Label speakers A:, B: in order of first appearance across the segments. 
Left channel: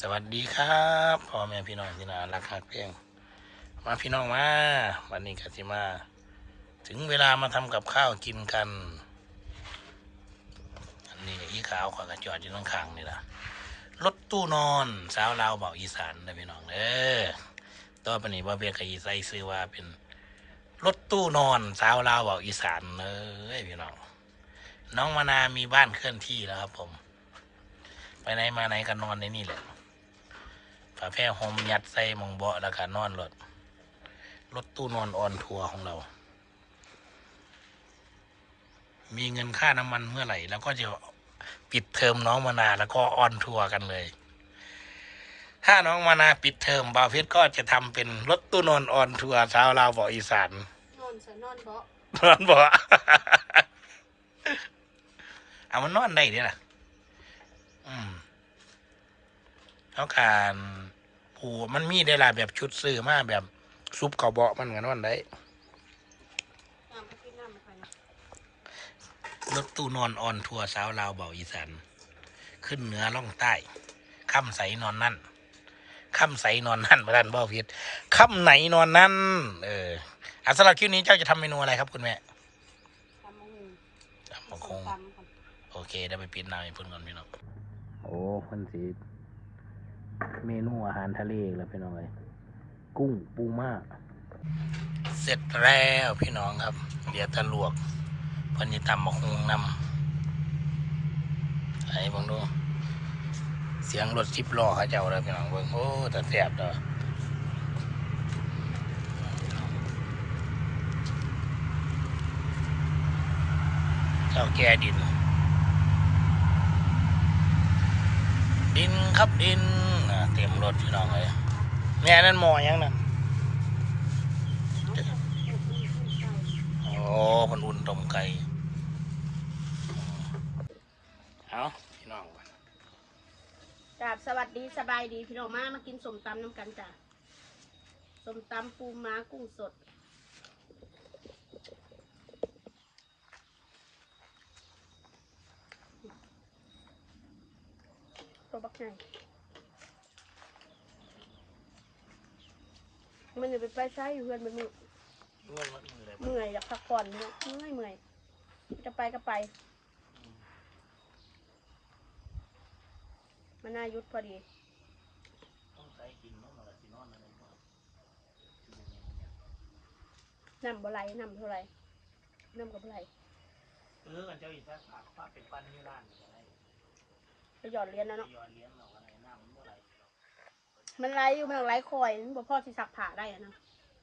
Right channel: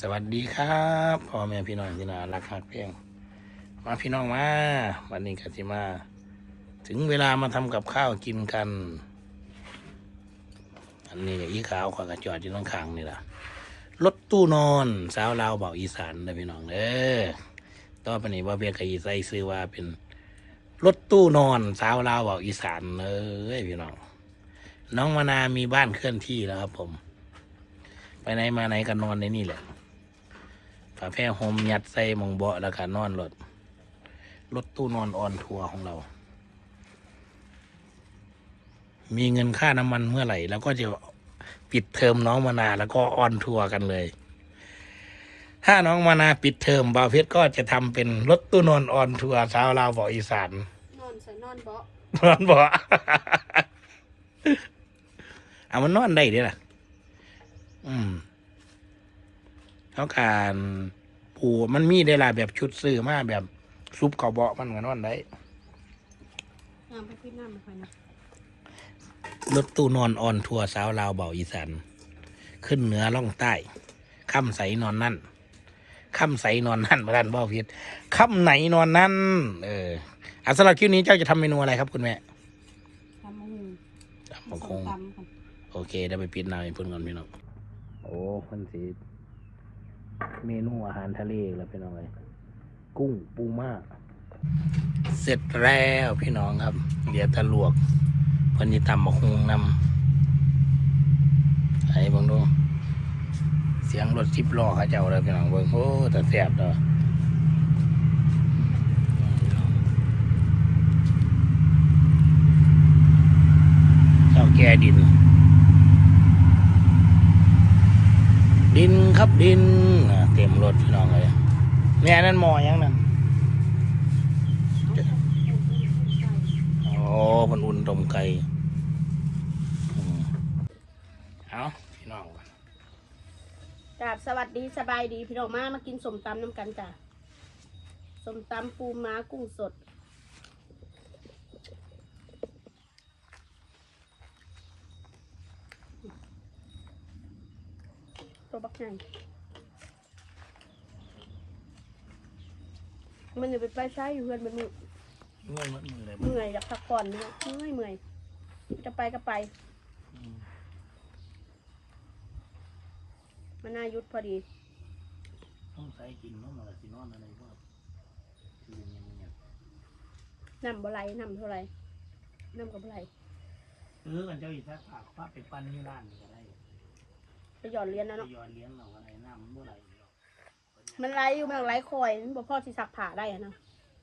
A: สวัสดีครับพ่อแม่พี่น้องที่น่ารักฮักเพียง มาพี่น้องมาวันนี้กสิมา ถึงเวลามาทำกับข้าวกินกัน อันนี้อีขาวขวากระจอดอยู่ข้างๆนี่ล่ะรถตู้นอนสาวลาวบอกอีสานเลยพี่น้องเด้อต่อไปนี้ว่าเบียกอีใส่ซื้อว่าเป็นรถตู้นอนสาวลาวบอกอีสานเลยพี่น้องน้องมานามีบ้านเคลื่อนที่แล้วครับผม ไปไหนมาไหนก็นอนในนี่แหละ ฝาแพร่โฮมยัดใส่หมองเบาะแล้วก็นอนรถรถตู้นอนออนทัวร์ของเรา มีเงินค่าน้ำมันเมื่อไหร่ แล้วก็จะปิดเทอมน้องมานาแล้วก็ออนทัวร์กันเลย ถ้าน้องมานาปิดเทอมบาวเพชรก็จะทำเป็นรถตู้นอนออนทัวร์ชาวลาวบอกอีสาน
B: นอนฉันนอนเบาะ
A: นอนบ่เอามันนอนได้เด้ล่ะ อืม แล้วการปูมันมีได้ล่ะแบบชุดซื้อมาแบบซุปเกาเบาะมันก็นอนได้
B: น้ำไปพี่น้ำไปค่อยนะ
A: รถตู้นอนออนทัวร์สาวลาวเบาอีสานขึ้นเหนือล่องใต้ค่ำใสนอนนั่นค่ำใสนอนนั่นประธานบ่าพิษค่ำไหนนอนนั่นเอออะสำหรับคลิปนี้เจ้าจะทำเมนูอะไรครับคุณแม่
B: ทำมือ
A: ตำบัก
B: ส้
A: ค
B: ม
A: ง
B: ตำค่ะ
A: โอเคได้ไปปิดหน้าให้เพื่อนก่อนพี่น้องโอ้คนสี เมนูอาหารทะเลอีกแล้วพี่น้องเลยกุ้งปูม่าเสร็จแล้วพี่น้องครับเดี๋ยวตะลวกพันธิตำบักฮุงนำไอ้บังดูเสียงรถสิบล้อเขาเจ้าแล้วพี่น้องเบิ่งโอ้แต่แสบเลยเจ้าแก่ดิน ดินครับดินเต็มรถพี่น้องเลยแม่นั่นหมอยังนั่นโอ้มันอุ่นตมไก่เอาพี่น้องก่อน
B: กราบสวัสดีสบายดีพี่น้องมามากินสมตำน้ำกันจ้ะสมตำปูม้ากุ้งสด ตัวบักใหญ่มันจะไปไปใช้อยู่เพื่อนมันมือเมื่อยอยากพักผ่อนเนาะเมื่อยเมื่อยจะไปก็ไปมันน่ายุดพอดีน้ำบ่ไหลน้ำเท่าไรน้ำกับบ่ไหล
A: เออมันจะอีกถ้าถ้าเป็นปันบ้าน
B: หยอดเหรียญนะเนาะ
A: ย้อนเลี้ยงเราอะไรน้ำเมื่อไหร่
B: มันไหลอยู่มันไหลคอยมันบ่พอสิสักผ่าได้อะนะ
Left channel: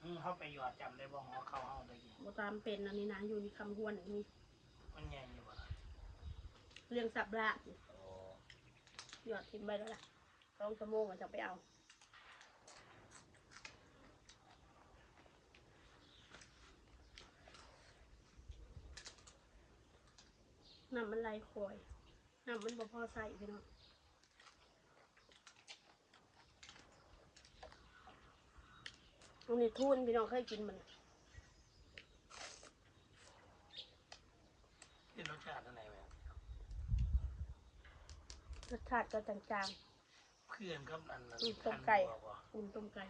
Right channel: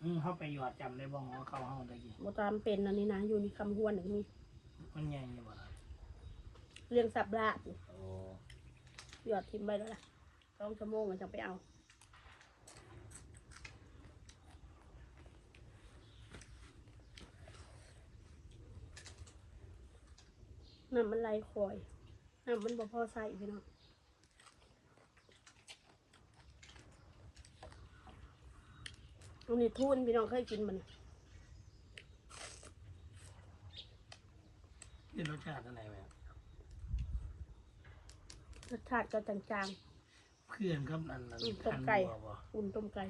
A: อืมเข้าไปหยอดจำได้บ้องว่าเข้าห้องได้กี่
B: บ่ตามเป็นอันนี้นะอยู่ในคำห้วนอย่างนี้
A: มันใหญ่ยังไง
B: เรื่องสับลาดนี่หยอดทิ้งไปแล้วล่ะสองชั่วโมงก็จะไปเอา น้ำมันไหลคอย น้ำมันบ่พอใส่พี่น้องอันนี้ทุนพี่น้องเคยกินมัน
A: เป็นรสชาติอะไรไหม
B: รสชาติก็จาง
A: เพื่อนก็อัน
B: ๆอืมต้มไก่ อุ่นต้มไก่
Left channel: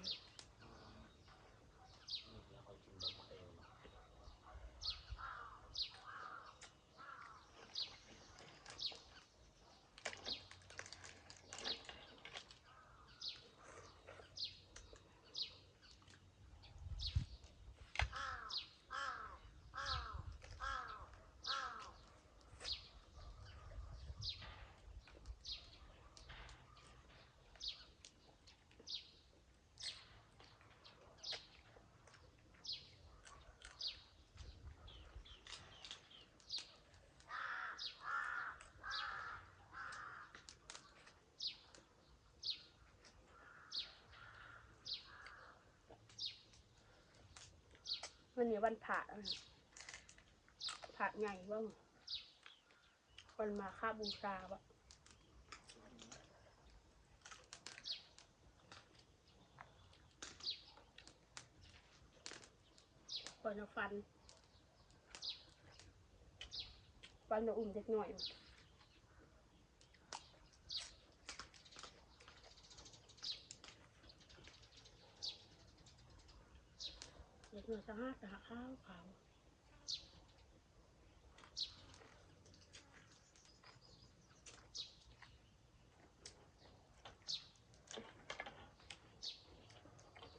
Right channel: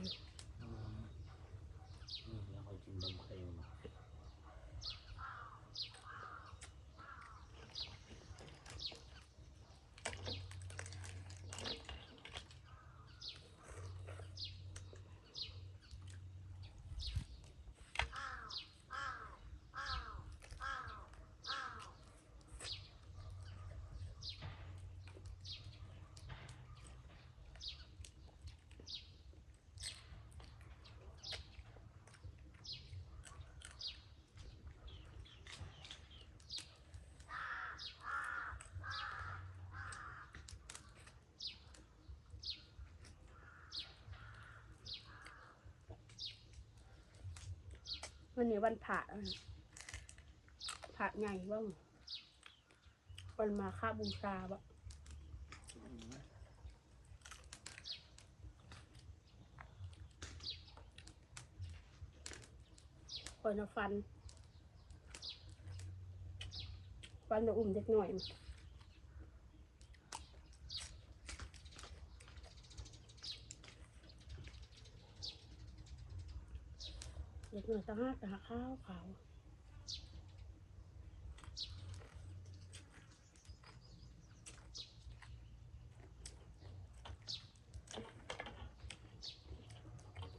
B: วันนี้วันผ่าผ่าใหญ่บ้างวันมาค่าบูชาบ่คนเอาฟันฟันจะอุ่มเด็กหน่อยม เด็กหน่อยตั้งห้าตาข้าวขาว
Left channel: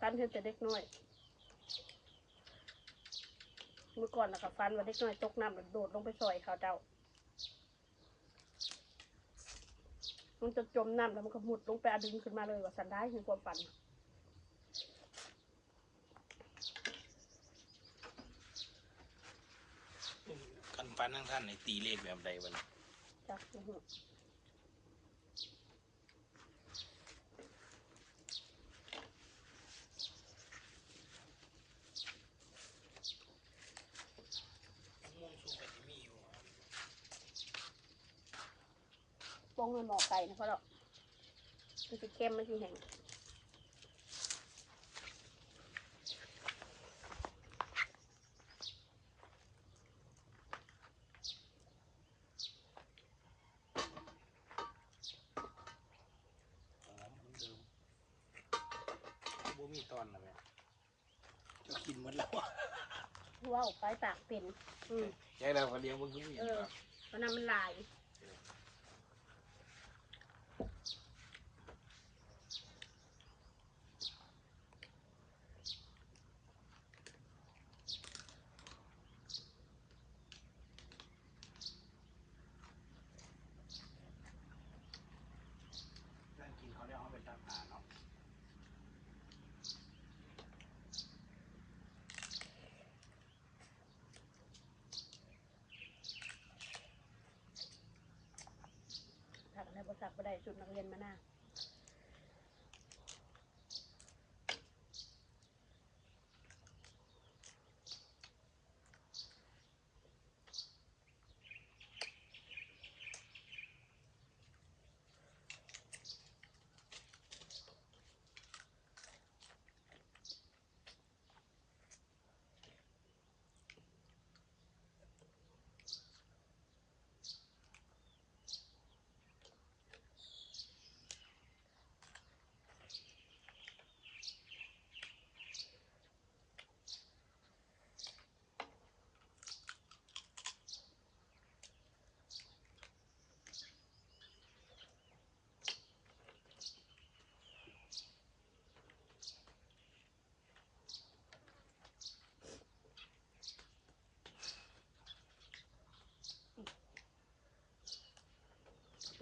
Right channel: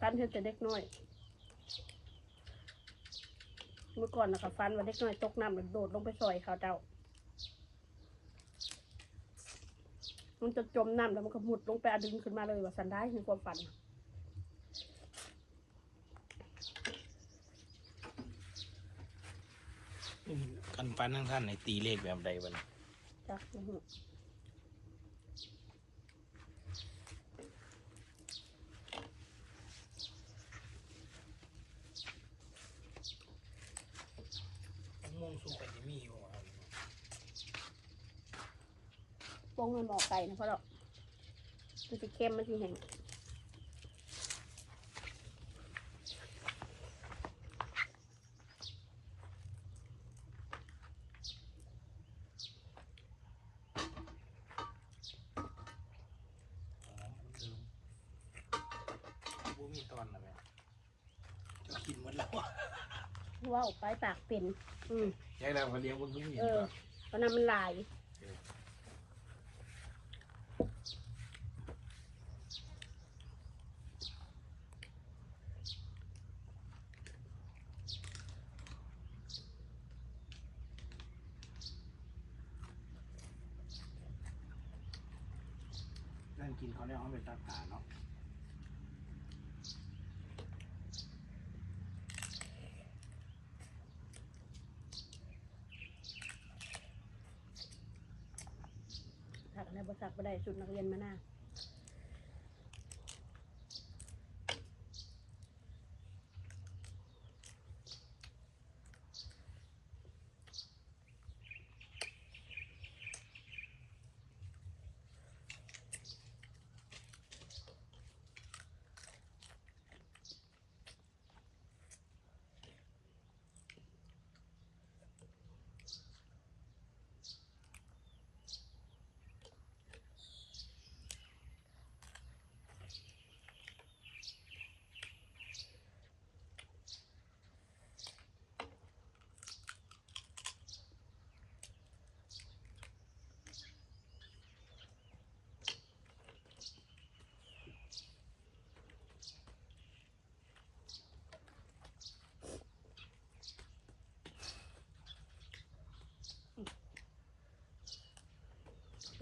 B: ฟันเห็นแต่เด็กน้อย เมื่อก่อนนะคะฟันว่าเด็กน้อยตกน้ำแล้วโดดลงไปซอยเขาเจ้า มันจะจมน้ำแล้วมันก็หมุดลงไปอดึงขึ้นมาเลยว่าสันได้คือความฝัน
A: ท่าน ฟันทั้งท่านในตีเลขแบบใดวะเนี่ย
B: จักนะฮะ
A: ม่วงสู้กับที่มีอยู่ครับ
B: ปงมันหมอไก่นะเพราะเรามันจะเค็มมันจะแห้ง
A: บ่มีตอนนะแม่จะกินหมดแล้วอะ
B: ว้าวไปปากเป็น อืม
A: ยังไงพอเลี้ยงมันก็มี
B: เออเพราะนั้นมันลาย
A: นั่งกินเขาเนี่ยเอาไปตัดตาเนาะ
B: ถักอะไร บริษัทบ่ได้สุดนักเรียนมาหน้า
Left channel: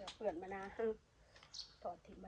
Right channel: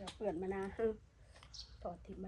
B: เดี๋ยวเปื่อนมานะถอดทิ่มไป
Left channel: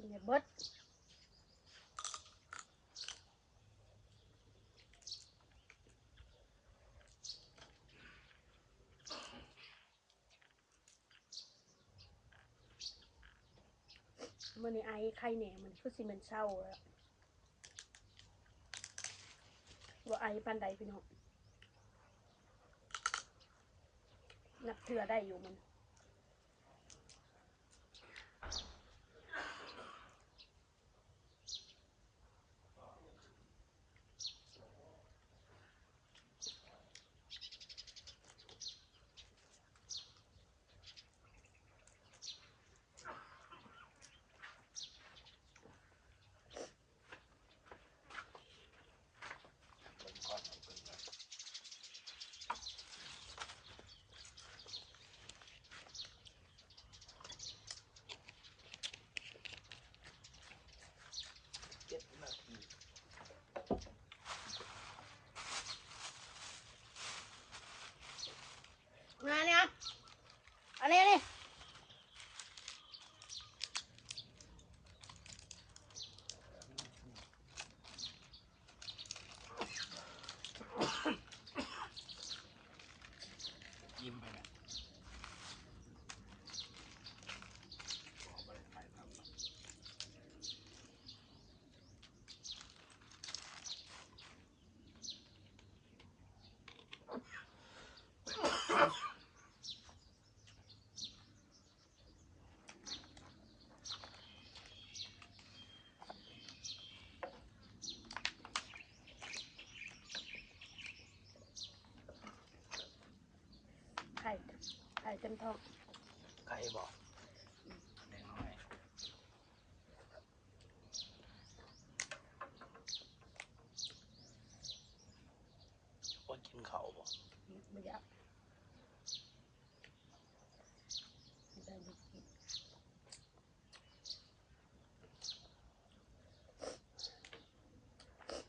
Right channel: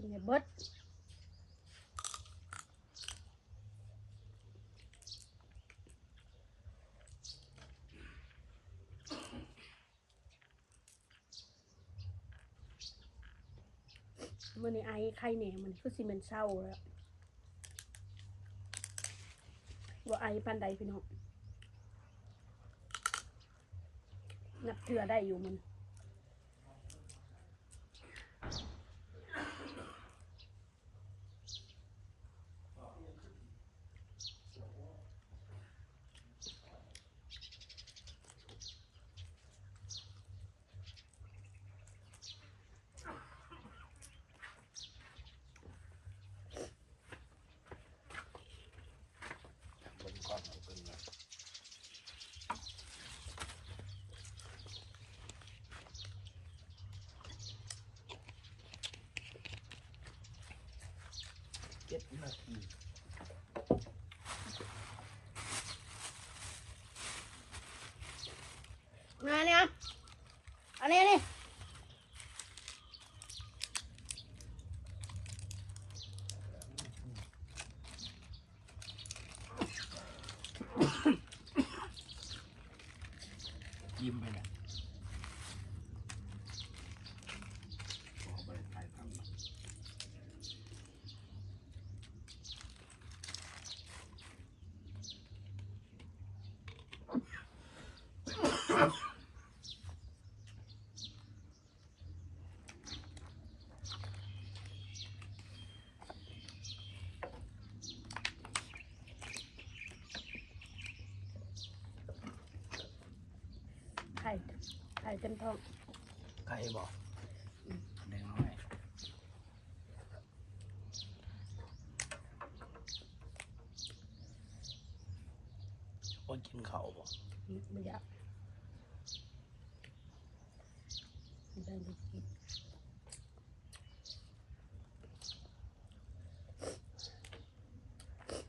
B: กินให้เบิด มื่อนี้ไอ้ไข่เนี่ยมันก็สิมันเศร้าแล้วว่าไอ้ปันใดพี่น้องนับเถื่อได้อยู่มัน ข่เต็มท้อง
A: ใครบอกเล่นไหมคนกินเขาว
B: ไม่อยากไม่ได้ไปกิน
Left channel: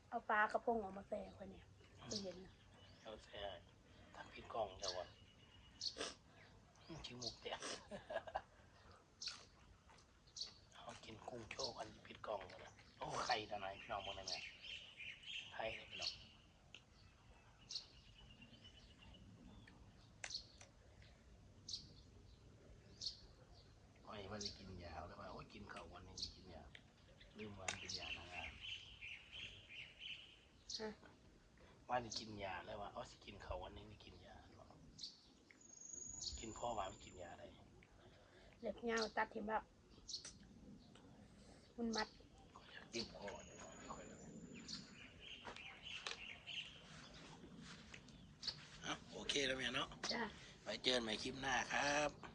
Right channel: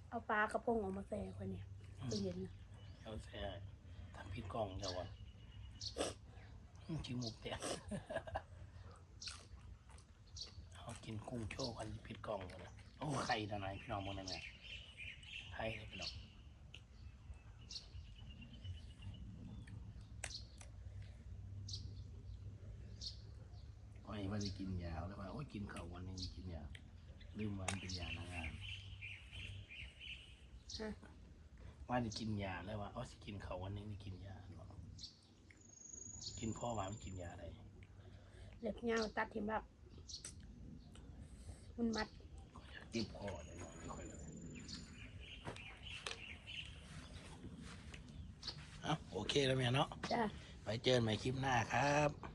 B: เอาปลากระพงออกมาแส่คนเนี่ยตู้เย็นนะ
A: เอาใช่ทำผิดกล่องมา กินหมูเนี่ยเอากินกุ้งโชว์กันผิดกล่องโอ้ไข่ทนายพี่น้องมันยังไงไข่เด็กเนาะไว้ว่าจะกินยาแล้วว่าโอ้ยกินข้าววันนี้กินยาลืมวันเป็นยาไม่ได้
B: ฮะ
A: ว่าจะกินยาแล้วว่าเขาสิกินเขาววันนี้ไม่กินยา กินพ่อมาไม่กินยาได้
B: เล็บเงาตัดทิมแบบมันมัด
A: เก็บพ่ออะโอเคแล้วแม่เนาะ
B: จ้า
A: ไปเจอกันใหม่คลิปหน้าครับ